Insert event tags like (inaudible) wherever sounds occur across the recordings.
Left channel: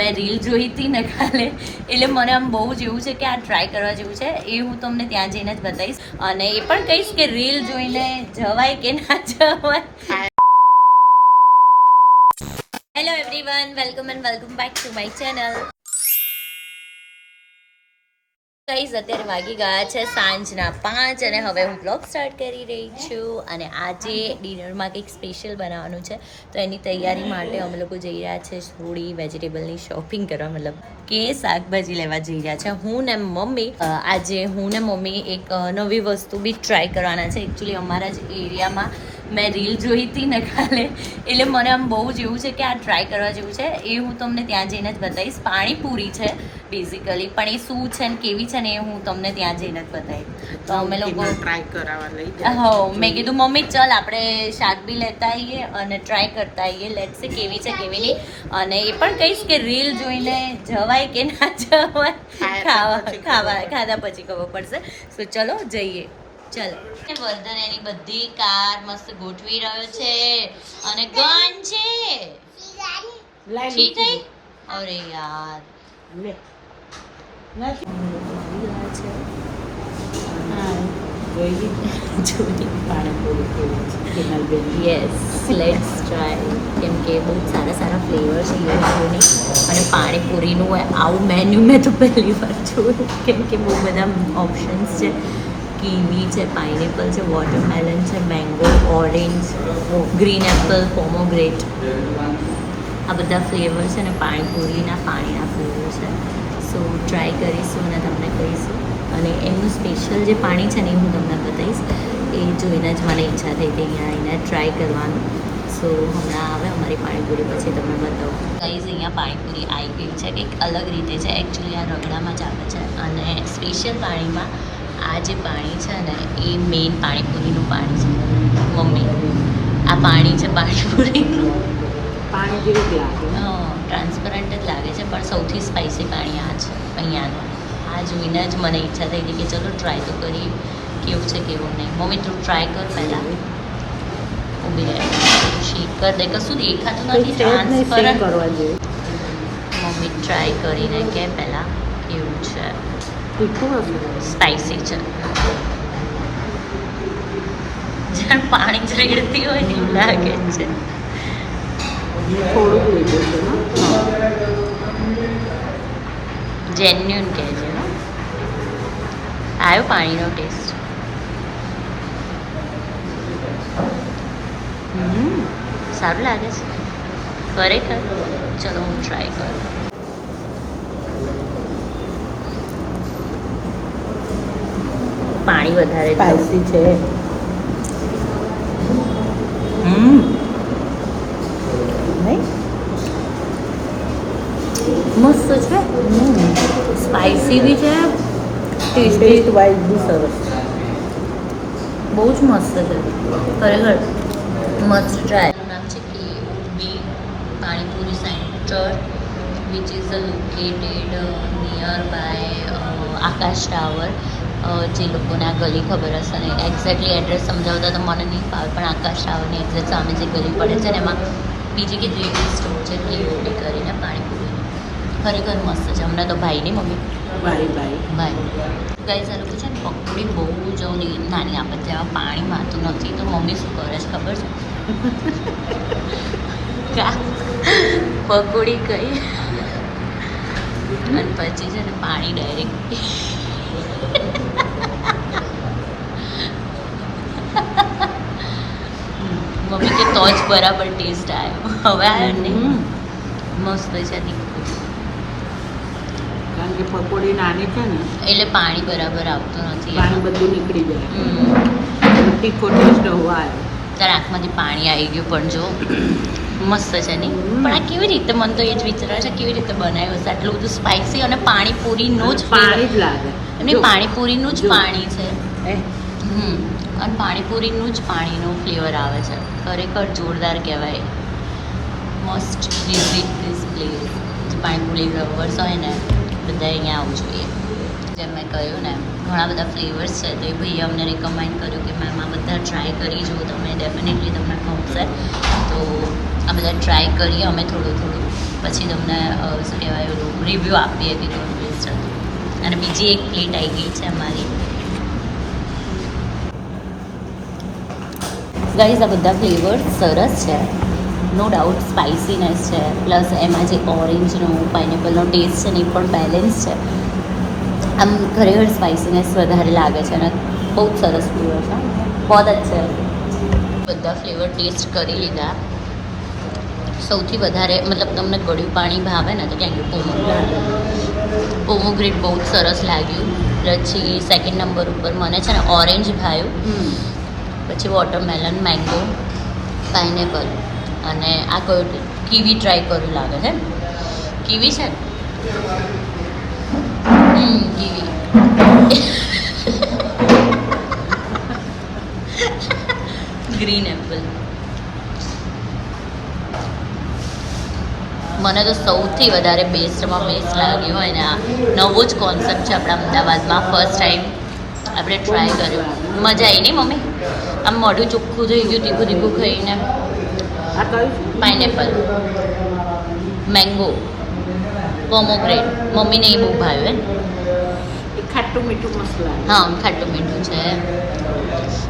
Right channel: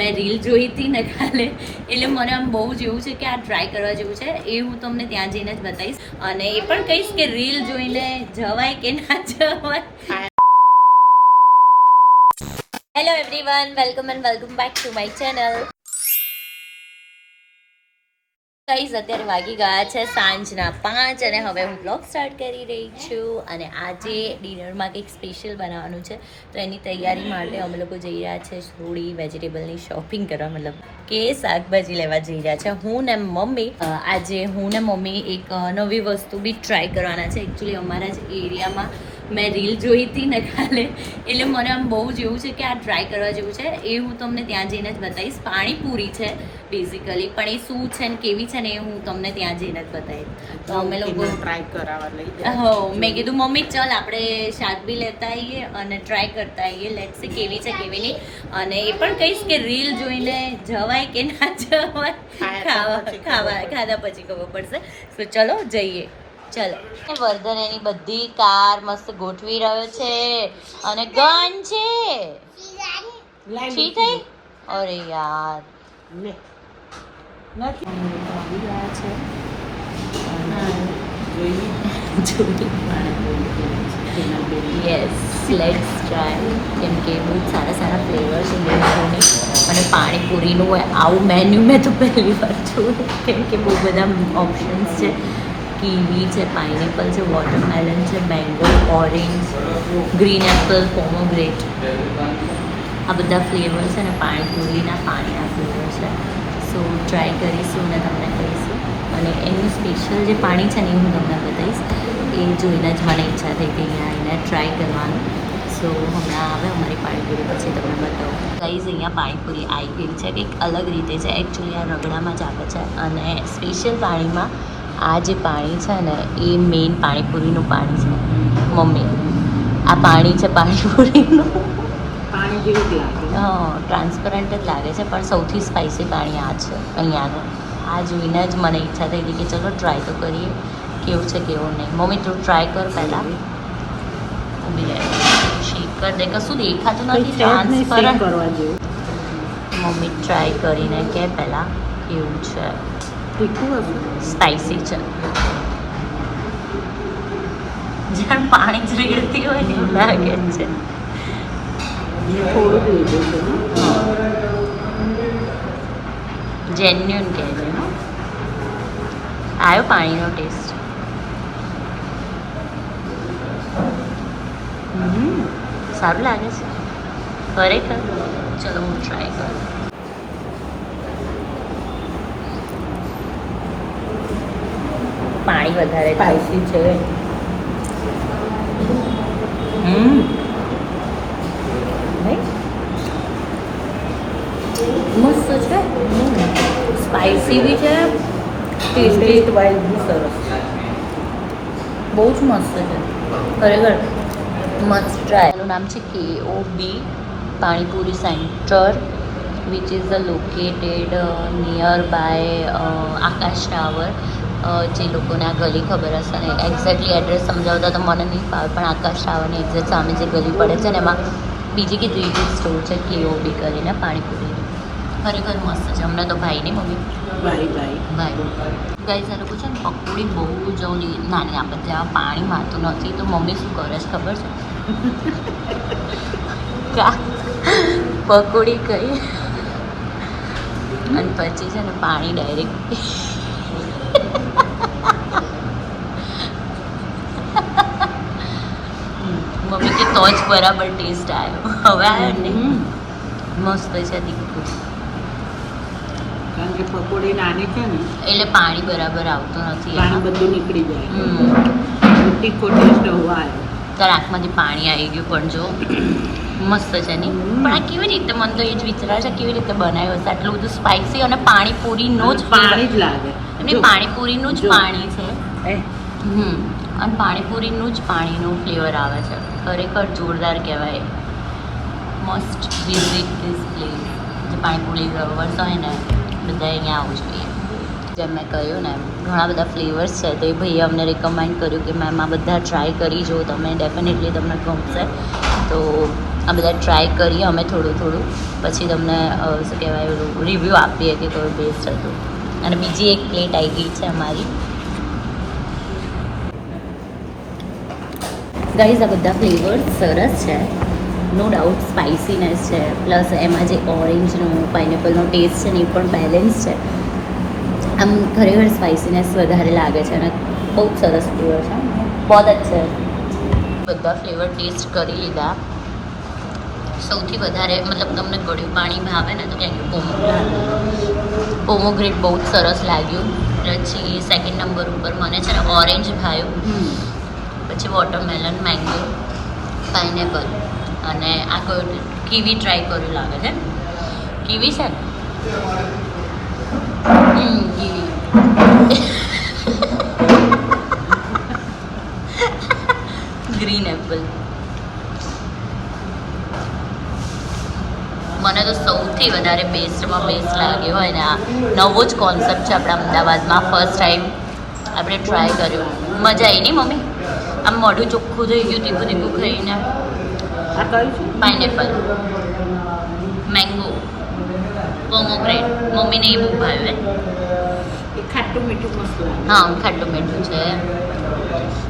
મેં રીલ જોઈ હતી ને કાલે. એટલે મને આમ બહુ જ એવું છે કે આ ટ્રાય કરવા જેવું છે એ હું તમને ત્યાં જઈને જ બતાવીશ. અને એ પણ કહીશ કે રીલ જોઈને જવાય કે ના જવાય. Hello everyone welcome and welcome back to my channel guys અત્યારે વાગી ગયા છે સાંજના પાંચ અને હવે હું બ્લોગ સ્ટાર્ટ કરી રહી છું અને આજે ડિનરમાં કંઈક સ્પેશિયલ બનાવવાનું છે. તો એની તૈયારી માટે અમે લોકો જઈ રહ્યા છે થોડી વેજીટેબલની શોપિંગ કરવા, મતલબ કે શાકભાજી લેવા જઈ રહ્યા છે. હું ને મમ્મી આજે હું ને મમ્મી એક નવી વસ્તુ બી ટ્રાય કરવાના છે. એકચ્યુઅલી અમારા જ એરિયામાં મેં રીલ જોઈ હતી ને કાલે. એટલે મને આમ બહુ જ એવું છે કે આ ટ્રાય કરવા જેવું છે. એ હું તમને ત્યાં જઈને જ બતાવીશ. પાણીપુરી છે બેઝિકલી પણ એ શું છે ને કેવી છે ને એ હું તમને ત્યાં જઈને જ બતાવીશ. તો અમે લોકો ટ્રાય કરાવવા લઈ હો મેં કીધું મમ્મી ચલ આપણે શાક બી લેતા આવીએ અને ટ્રાય કરતા આવીએ. લેટ છે કેવી છે કેવી નહીં. અને એ પણ કહીશ કે રીલ જોઈને જવાય કે ના જવાય ખાવા ખાવા ખાધા પછી ખબર પડશે. તો ચલો જઈએ. ચલો. વર્ધન એની બધી કાર મસ્ત ગોઠવી રહ્યો છે અને ગન છે. ઠીક થઈ? અરે યાર. યસ લેટ્સ ટ્રાય કેમ કે બહુ સારા સારા ફ્લેવર છે અને પાણીપુરીનું આવું મેન્યુ મેં તો પહેલી વાર જોયું. કેમ કે બહુ બધા ઓપ્શન્સ છે. કીવી છે પાઇનેપલ છે વોટરમેલન છે mango orange green apple pomegranate આ બધા ફ્લેવર છે ને પાણીપુરીના પાણીના ફ્લેવર છે સો ટ્રાય કરીશું અને તમને કહીશું અને એનું સ્પેશિયલ જે પાણી છે ને એ હું તમને બતાવીશ એ જોઈને જ મને ઈચ્છા થઈ કે અહીંયા આવીને ટ્રાય કરવાનું સો હમણાં આવે અમારી પાણીપુરી પછી તમને બતાવું ગાઈઝ અહીંયા પાણીપુરી આવી ગઈ છે કંઈક અલગ રીતે છે એકચ્યુઅલી આ રગડામાં જ આવે છે અને સ્પેશિયલ પાણીમાં આ જે પાણી છે ને એ મેઇન પાણીપુરીનું પાણી છે. મમ્મી આ પાણી છે પાણીપુરીનું. પાણી જેવું જ લાગે. ટ્રાન્સપરન્ટ જ લાગે છે પણ સૌથી સ્પાઇસી પાણી આ છે અહીંયાનું. આ જોઈને જ મને ઈચ્છા થઈ હતી કે ચલો ટ્રાય તો કરીએ કેવું છે કેવું નહીં. મમ્મી તું ટ્રાય કર પહેલાં. ઊભી રહે. શેક કર દે. કશું દેખાતું નથી ટ્રાન્સપરન્ટ કરવા જેવું. મમ્મી ટ્રાય કરીને કે પહેલાં કેવું છે. તીખું હશે સ્પાઇસી છે. જાણ પાણી જ રેડતી હોય ને એવું લાગે છે. થોડું છે જેન્યુન કહે છે આવ્યો પાણીનો ટેસ્ટ સારું લાગે છે. ખરેખર? ચલો હું ટ્રાય કરું. પાણી વધારે સ્પાઈસી છે. મસ્ત છે? સ્પાઇસી બી છે. ટેસ્ટી વાઇઝ બી સરસ બહુ જ મસ્ત છે. ખરેખર મસ્ત ટ્રાય એનું નામ છે A O B panipuri centre which is a located near by Akash tower. જે લોકોને આ ગલી ખબર હશે ને એક્ઝેક્ટલી એડ્રેસ સમજાવતા તો મને નહીં ફાવે પણ આકાશ ટાવરની એક્ઝેક્ટ સામે જે ગલી પડે છે ને એમાં બીજી કેટલી સ્ટોર છે પીઓપી કરીને પાણી. ખરેખર મસ્ત છે. હમણાં તો ભાઈ નહીં મમ્મી? ભાઈ ભાઈ. ભાઈ. ગાઈઝ આ લોકો છે ને પકોડી બહુ જ નાની આપે ત્યાં પાણી મારતું નથી તો મમ્મી શું કરે છે ખબર છે? પકોડી કઈ અને પછી છે ને પાણી ડાયરેક્ટ મમ્મી કે તો જ બરાબર ટેસ્ટ આવ્યો હવે આવ્યો ને. મસ્ત છે તીખું કારણ કે પકોડી નાની છે ને એટલે પાણી બરાબર આવતું નથી પાણી બધું નીકળી જાય. હમ. તીખો ટેસ્ટ હોવા આવ્યો તારા આંખમાંથી પાણી આવી ગયું પણ જો. (clears throat) મસ્ત છે નહીં. પણ આ કેવી રીતે મને તો એ જ વિચાર છે કેવી રીતે બનાવ્યો હશે આટલું બધું સ્પાઇસી અને પાણીપુરીનું જ પાણી જ લાગે. અને પાણીપુરીનું જ પાણી છે. હમ. અને પાણીપુરીનું જ પાણીનું ફ્લેવર આવે છે. ખરેખર જોરદાર કહેવાય. મસ્ટ વિઝિટ ધીસ પ્લેસ જે પાણીપુરી લવર્સ હોય ને બધા અહીંયા આવવું જોઈએ. જેમ મેં કહ્યું ને, ઘણા બધા ફ્લેવર્સ છે. તો એ ભાઈએ અમને રિકમેન્ડ કર્યું કે, મેમ, આ બધા ટ્રાય કરી જો. તમે ડેફિનેટલી તમને ગમશે. તો આ બધા ટ્રાય કરીએ અમે થોડું થોડું. પછી તમને શું કહેવાય રિવ્યૂ આપીએ કે કયું બેસ્ટ હતું. અને બીજી એક પ્લેટ આવી ગઈ છે અમારી. ગાઈઝ આ બધા ફ્લેવર સરસ છે. નો ડાઉટ સ્પાઇસીનેસ છે. પ્લસ એમાં જે ઓરેન્જનો પાઇનેપલનો ટેસ્ટ છે ને એ પણ બેલેન્સ છે. આમ ખરેખર સ્પાઇસીનેસ વધારે લાગે છે અને બહુ જ સરસ ફ્લેવર છે. બહુ જ છે. બધા ફ્લેવર ટેસ્ટ કરી લીધા. સૌથી વધારે, મતલબ તમને ગળ્યું પાણી ભાવે ને તો કેમ કે પોમોગ્રેટ પોમોગ્રેટ બહુ જ સરસ લાગ્યું. પછી સેકન્ડ નંબર ઉપર મને છે ને ઓરેન્જ ભાવ્યું. પછી વોટરમેલન મેંગો પાઇનેપલ અને આ કોઈ કીવી ટ્રાય કર્યું લાગે છે. કીવી છે? ગ્રીન એપલ મને તો સૌથી વધારે બેસ્ટમાં બેસ્ટ લાગ્યું હોય ને આ નવો જ કોન્સેપ્ટ છે આપણા અમદાવાદમાં. ફર્સ્ટ ટાઈમ આપણે ટ્રાય કર્યું. મજા આવી નહીં મમ્મી? આમ મોઢું ચોખ્ખું થઈ ગયું તીખું તીખું ખાઈને. આ કયું છે? પાઇનેપલ. મેંગો. પોમોગ્રેટ. મમ્મીને એ બહુ ભાવે. ખાટું મીઠું મસ્ત હા ખાટું મીઠું છે.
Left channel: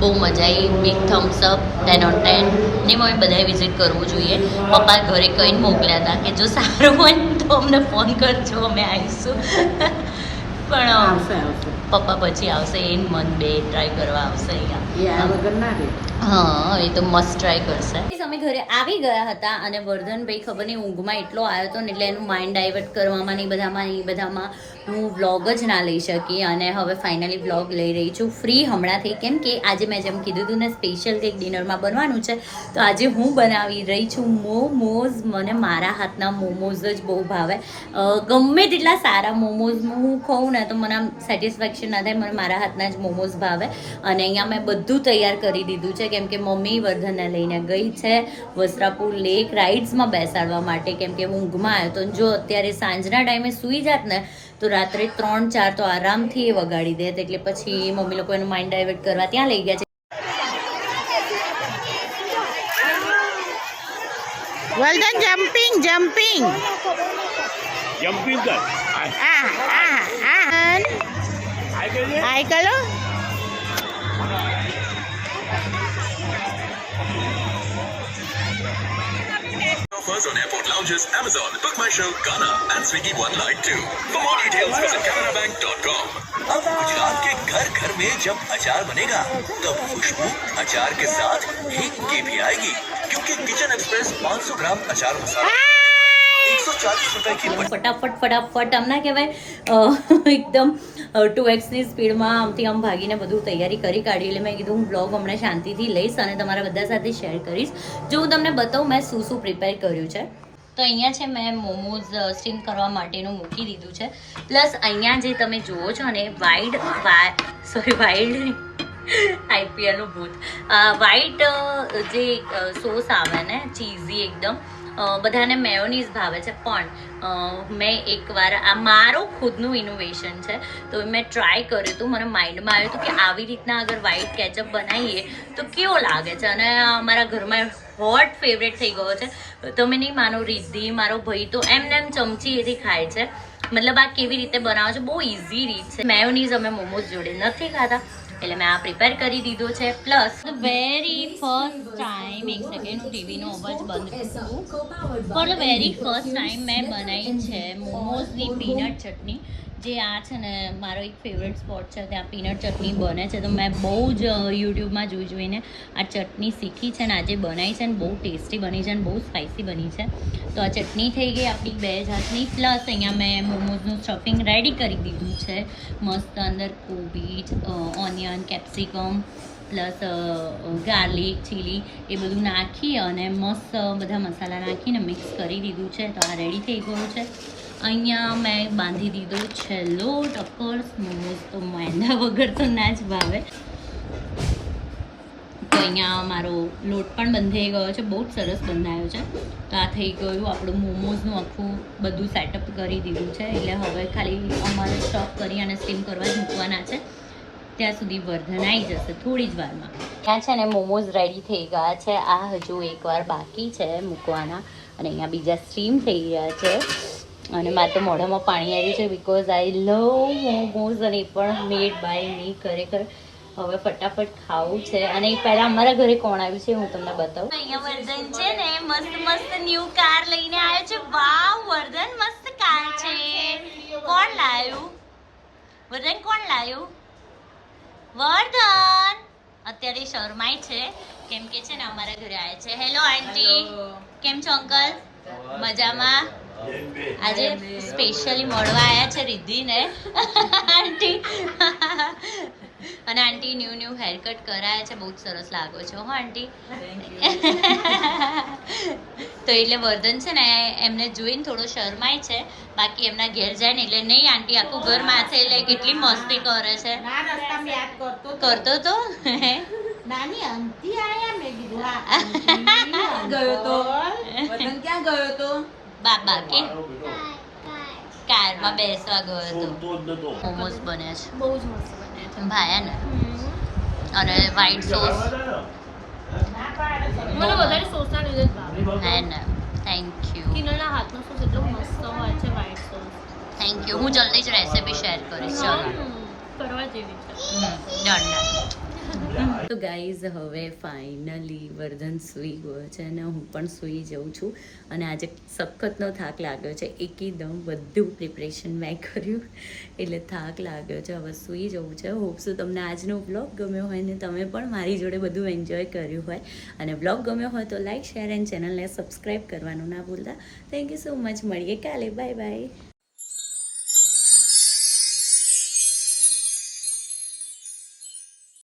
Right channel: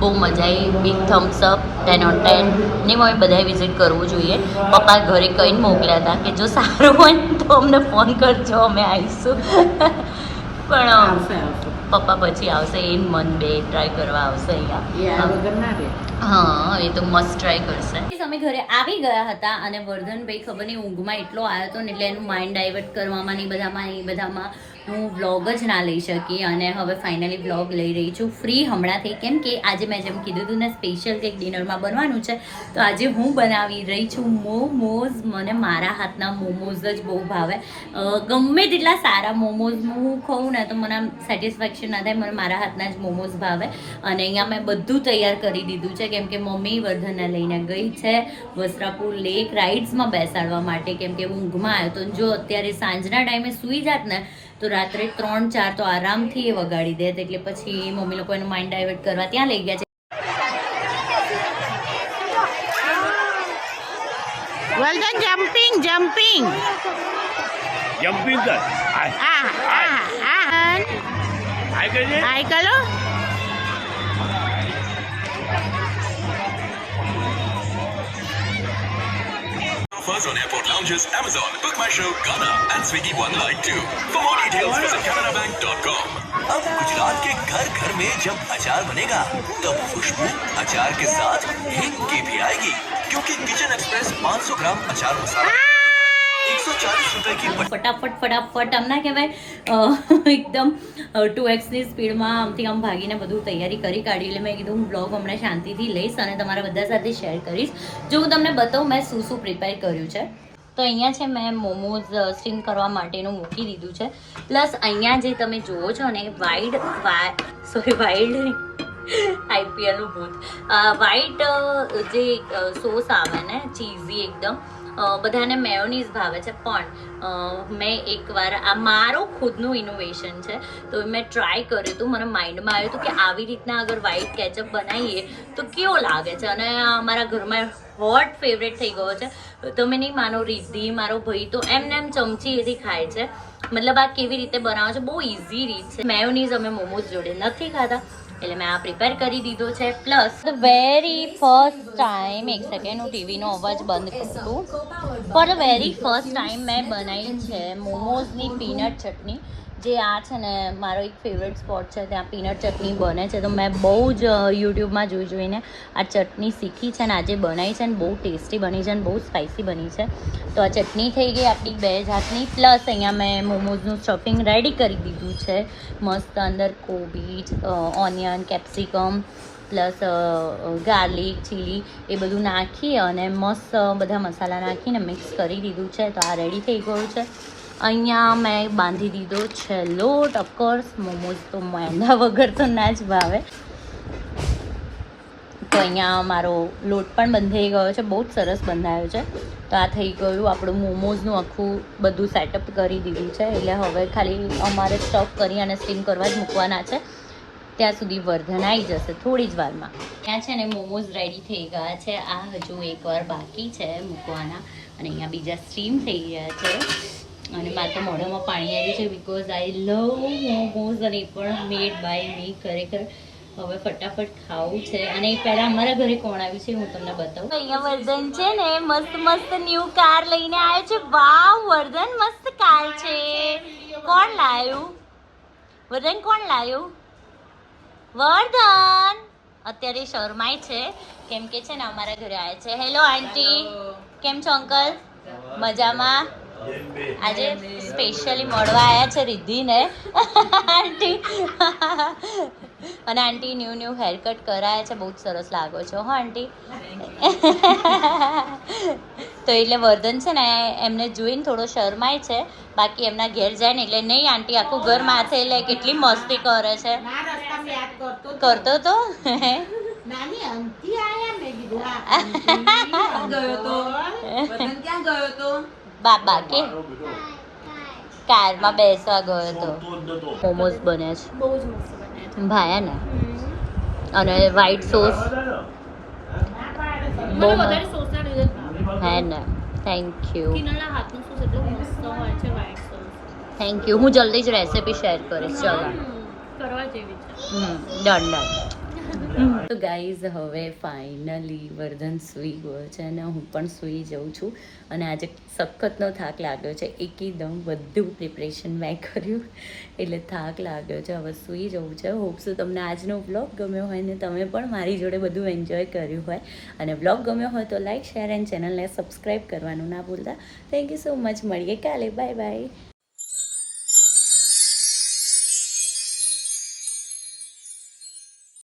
બહુ મજા આવી. Big thumbs up ten on ten ને મમ્મી બધાએ વિઝિટ કરવું જોઈએ. પપ્પા ઘરે કહીને મોકલ્યા હતા કે જો સારું હોય ને તો અમને ફોન કરજો અમે આવીશું. (laughs) પણ આવશે આવશે પપ્પા પછી આવશે એ મન બે ટ્રાય કરવા આવશે અહીંયા. વગર ના રહે? હા એ તો મસ્ત ટ્રાય કરશે. અમે ઘરે આવી ગયા હતા અને વર્ધનભાઈ ખબર નહીં ઊંઘમાં એટલો આવ્યો હતો ને એટલે એનું માઇન્ડ ડાયવર્ટ કરવામાં ને એ બધામાં એ બધામાં હું વ્લોગ જ ના લઈ શકી અને હવે ફાઇનલી વ્લોગ લઈ રહી છું. ફ્રી હમણાંથી, કેમ કે આજે મેં જેમ કીધું હતું ને સ્પેશિયલ કંઈક ડિનરમાં બનવાનું છે, તો આજે હું બનાવી રહી છું મોમોઝ. મને મારા હાથના મોમોઝ જ બહુ ભાવે. ગમે તેટલા સારા મોમોઝ હું ખાઉં ને, તો મને આમ સેટિસ્ફેક્શન ના થાય, મને મારા હાથના જ મોમોઝ ભાવે. અને અહીંયા મેં બધું તૈયાર કરી દીધું છે, કેમ કે મમ્મી વર્ધનને લઈને ગઈ છે, વસ્ત્રાપુર લેક રાઇડ્સમાં બેસાડવા માટે, કેમ કે હું ઊંઘમાં આવ્યો તો જો અત્યારે સાંજના ટાઈમે સૂઈ જાત ને તો રાત્રે ત્રણ ચાર તો આરામથી એ વગાડી દે. એટલે પછી મમ્મી લોકો એનું માઇન્ડ ડાયવર્ટ કરવા ત્યાં લઈ ગયા છે. વર્ધન જમ્પિંગ જમ્પિંગ જમ્પિંગ કર આ આ આ આ કે છે હાય Offers on airport lounges, Amazon, Book My Show, Ghana, and Swiggy One Night Too. For more details, visit canarabank.com. अब गुजरात के घर घर में जब अचार बनेगा तब खुशबू अचार के साथ हिंग की भी आएगी क्योंकि किचन एक्सप्रेस 500 ग्राम अचार मसाला ફટાફટ ફટાફટ, આમ ના કહેવાય. એકદમ ટુ એક્સની સ્પીડમાં આમથી આમ ભાગીને બધું તૈયારી કરી કાઢી. એટલે મેં કીધું, હું બ્લોગ હમણાં શાંતિથી લઈશ અને તમારા બધા સાથે શેર કરીશ. જો હું તમને બતાવું, મેં શું શું પ્રિપેર કર્યું છે. તો અહીંયા છે, મેં મોમોઝ સ્ટીમ કરવા માટેનું મૂકી દીધું છે. પ્લસ અહીંયા જે તમે જુઓ છો ને, વાઇડ સોરી વાઇલ્ડ (laughs) આઈપીએલનું ભૂત. વાઇટ જે સોસ આવે ને, ચીઝી એકદમ બધાને મેયોનીઝ ભાવે છે, પણ મેં એકવાર, આ મારો ખુદનું ઇનોવેશન છે, તો મેં ટ્રાય કર્યું હતું, મને માઇન્ડમાં આવ્યું હતું કે આવી રીતના અગર વ્હાઈટ કેચઅપ બનાવીએ, તો કેવો લાગે છે? અને અમારા ઘરમાં હોટ ફેવરેટ થઈ ગયો છે તમે નહીં માનો, રિદ્ધિ, મારો ભાઈ તો એમને એમ ચમચી એથી ખાય છે. મતલબ આ કેવી રીતે બનાવો છો? બહુ ઇઝી રીત છે. મેયોનીઝ અમે મોમોઝ જોડે નથી ખાતા. એટલે મેં આ પ્રિપેર કરી દીધો છે પ્લસ વેરી ફર્સ્ટ ટાઈમ એક સેકન્ડ હું ટીવીનો અવાજ બંધ કરું. પણ વેરી ફર્સ્ટ ટાઈમ મેં બનાવી છે મોમોઝની પીનટ ચટણી. જે આ છે ને મારો એક ફેવરેટ સ્પોટ છે, ત્યાં પીનટ ચટણી બને છે. તો મેં બહુ જ યુટ્યુબમાં જોઈ જોઈને આ ચટણી શીખી છે ને, આજે બનાવી છે ને, બહુ ટેસ્ટી બની છે ને, બહુ સ્પાઇસી બની છે. તો આ ચટણી થઈ ગઈ આપણી બે જાતની પ્લસ અહીંયા મેં મોમોઝનું સ્ટફિંગ રેડી કરી દીધું છે. મસ્ત અંદર કોબીજ onion capsicum plus garlic chilli એ બધું નાખી અને મસ્ત બધા મસાલા નાખીને મિક્સ કરી દીધું છે. તો આ રેડી થઈ ગયું છે. અહીંયા મેં બાંધી દીધો છે લોટ મોમોઝ તો મેંદા વગર તો ના જ ભાવે. તો અહીંયા મારો લોટ પણ બંધાઈ ગયો છે, બહુ જ સરસ બંધાયો છે. તો આ થઈ ગયું આપણું મોમોઝનું આખું બધું સેટઅપ કરી દીધું છે. એટલે હવે ખાલી અમારે સ્ટફ કરી અને સ્ટીમ કરવા જ મૂકવાના છે. ત્યાં સુધી વર્ધન આવી જશે થોડી જ વારમાં. ત્યાં છે ને મોમોઝ રેડી થઈ ગયા છે. આ હજુ એકવાર બાકી છે મૂકવાના. અને અહીંયા બીજા સ્ટીમ થઈ ગયા છે. અને મારે તો મોઢામાં પાણી આવ્યું છે બિકોઝ આઈ લવ મોમોઝ અને એ પણ મેડ બાય મી ખરેખર. હવે ફટાફટ ખાવું છે. અને એ પહેલા અમારા ઘરે કોણ આવ્યું છે હું તમને બતાવું. અહીંયા વર્ધન છે ને મસ્ત મસ્ત ન્યૂ કાર લઈને આવ્યો છે. વાવ વર્ધન મસ્ત કાર છે. કોણ લાવ્યું વર્ધન કોણ લાવ્યું વર્ધન! અત્યારે શરમાય છે. કેમ કે છે ને અમારા ઘરે આવ્યા છે. હેલો આંટી કેમ છો અંકલ મજામાં? આજે સ્પેશિયલી મળવા આવ્યા છે રિદ્ધિને. આંટી. અને aunty new new hair cut કરાયા છે બહુ જ સરસ લાગો છો હો આંટી. તો એટલે વર્ધન છે ને એમને જોઈને થોડો શરમાય છે. બાકી એમના ઘેર જાય ને એટલે નહીં આંટી આખું ઘર માથે એટલે કેટલી મસ્તી કરે છે. કરતો તો? નાની અંતી આયા મેં કીધું (laughs) ગયો તો? (laughs) ક્યાં ગયો તો? બાબા કે? કારમાં બેસવા ગયો હતો. મોમોઝ બને છે. બહુ જ મસ્ત બન્યા છે. ભાયા ને? અને વ્હાઈટ સોસ મને વધારે સોસના લીધે હે ને? થેન્ક યુ કિનલના હાથનો સોસ એટલો મસ્ત હોય છે વ્હાઈટ સોસ થેન્ક યુ હું જલ્દી જ રેસીપી શેર કરીશ. ચલો. કરવા જેવી છે. ડન ડન તો ગાઈઝ હવે ફાઇનલી વર્ધન સૂઈ ગયો છે અને હું પણ સૂઈ જાઉં છું. અને આજે સખતનો થાક લાગ્યો છે. એકદમ બધું પ્રિપરેશન મેં કર્યું. એટલે થાક લાગ્યો છે. હવે સૂઈ જવું છે. હોપ શું તમને આજનો બ્લોગ ગમ્યો હોય ને તમે પણ મારી જોડે બધું એન્જોય કર્યું હોય. અને બ્લોગ ગમ્યો હોય તો લાઈક શેર એન્ડ ચેનલને સબસ્ક્રાઈબ કરવાનું ના ભૂલતા. થેન્ક યુ સો મચ મળીએ કાલે. Bye bye